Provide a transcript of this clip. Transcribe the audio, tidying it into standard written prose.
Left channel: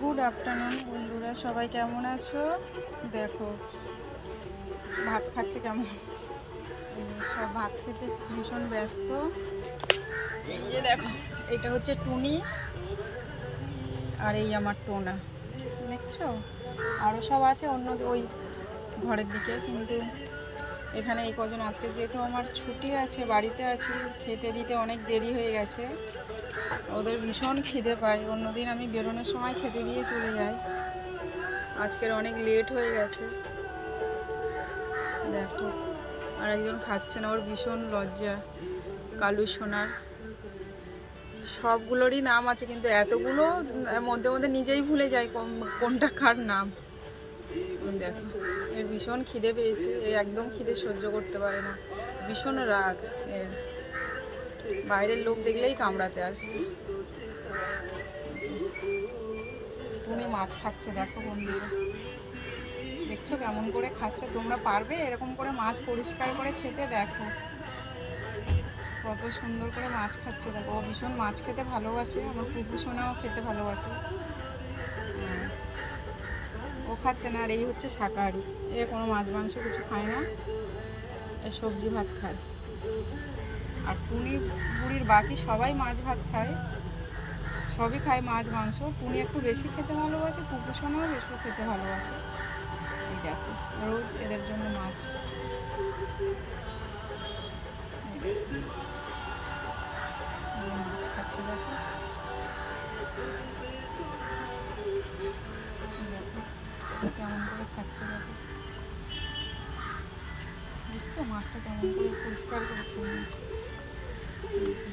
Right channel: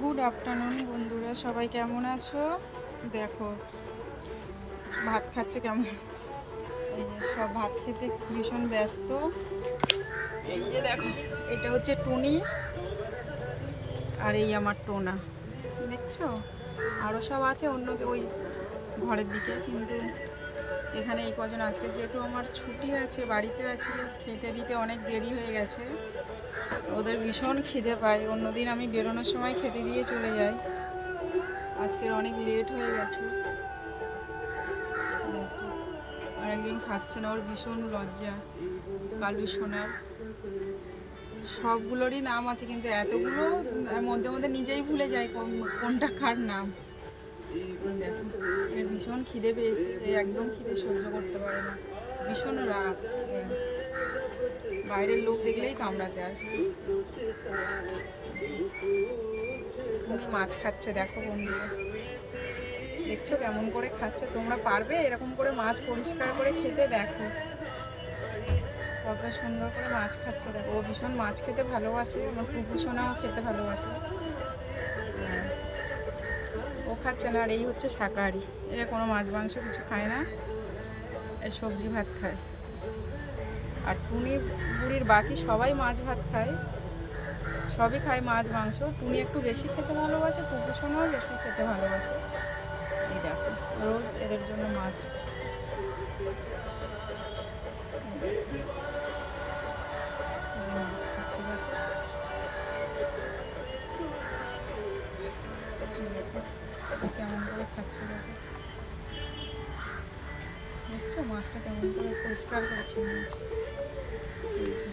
Good afternoon বন্ধুরা, সবাই কেমন আছো? দেখো ভাত খাচ্ছে কেমন, এই যে সব ভাত খেতে ভীষণ ব্যস্ত। এই যে দেখো, এটা হচ্ছে টুনি আর এই আমার টোনা, দেখছো? আরও সব আছে অন্য ওই ঘরের দিকে, কিন্তু এখানে এই কজন আজকে যেহেতু আমার ছুটি আছে, বাড়িতে আছি, খেতে দিতে অনেক দেরি হয়ে গেছে। ওদের ভীষণ খিদে পায়, অন্যদিন আমি বেরোনোর সময় খেতে দিয়ে চলে যাই, আজকের অনেক লেট হয়ে গেছে। দেখো আর একজন খাচ্ছে না, ওর ভীষণ লজ্জা। কালু সোনার সবগুলোরই নাম আছে, কিন্তু এতগুলো মধ্যে মধ্যে নিজেই ভুলে যায় কোনটা কার নাম। দেখো এর ভীষণ খিদে পেয়েছে, এ একদম খিদে সহ্য করতে পারে না, ভীষণ রাগ এর, বাইরের লোক দেখলেই কামড়াতে আসবে। টুনি মাছ খাচ্ছে, দেখো বন্ধুরা, দেখছো কেমন করে খাচ্ছে? তোমরা পারবে এরকম করে মাছ পরিষ্কার করে খেতে? দেখো কত সুন্দর করে মাছ খাচ্ছে, দেখো। ও ভীষণ মাছ খেতে ভালোবাসে, আমার পুপু সোনাও খেতে ভালোবাসে। হ্যাঁ, ও খাচ্ছে না, আর এই হচ্ছে শাকাহারি, এ কোনো মাছ মাংস কিছু খায় না, এ সবজি ভাত খায়। আর টুনি বুড়ির বাকি সবাই মাছ ভাত খায়, সবই খায় মাছ মাংস। টুনি একটু বেশি খেতে ভালোবাসে, পুপু সোনাও বেশি খেতে ভালোবাসে। এই দেখো রোজ এদের জন্য মাছ। মাছ খাচ্ছে, দেখো কেমন করে খাচ্ছে, দেখো দেখছো মাছটা কেমন করে পরিষ্কার করে খেয়ে নিয়েছে। এই যে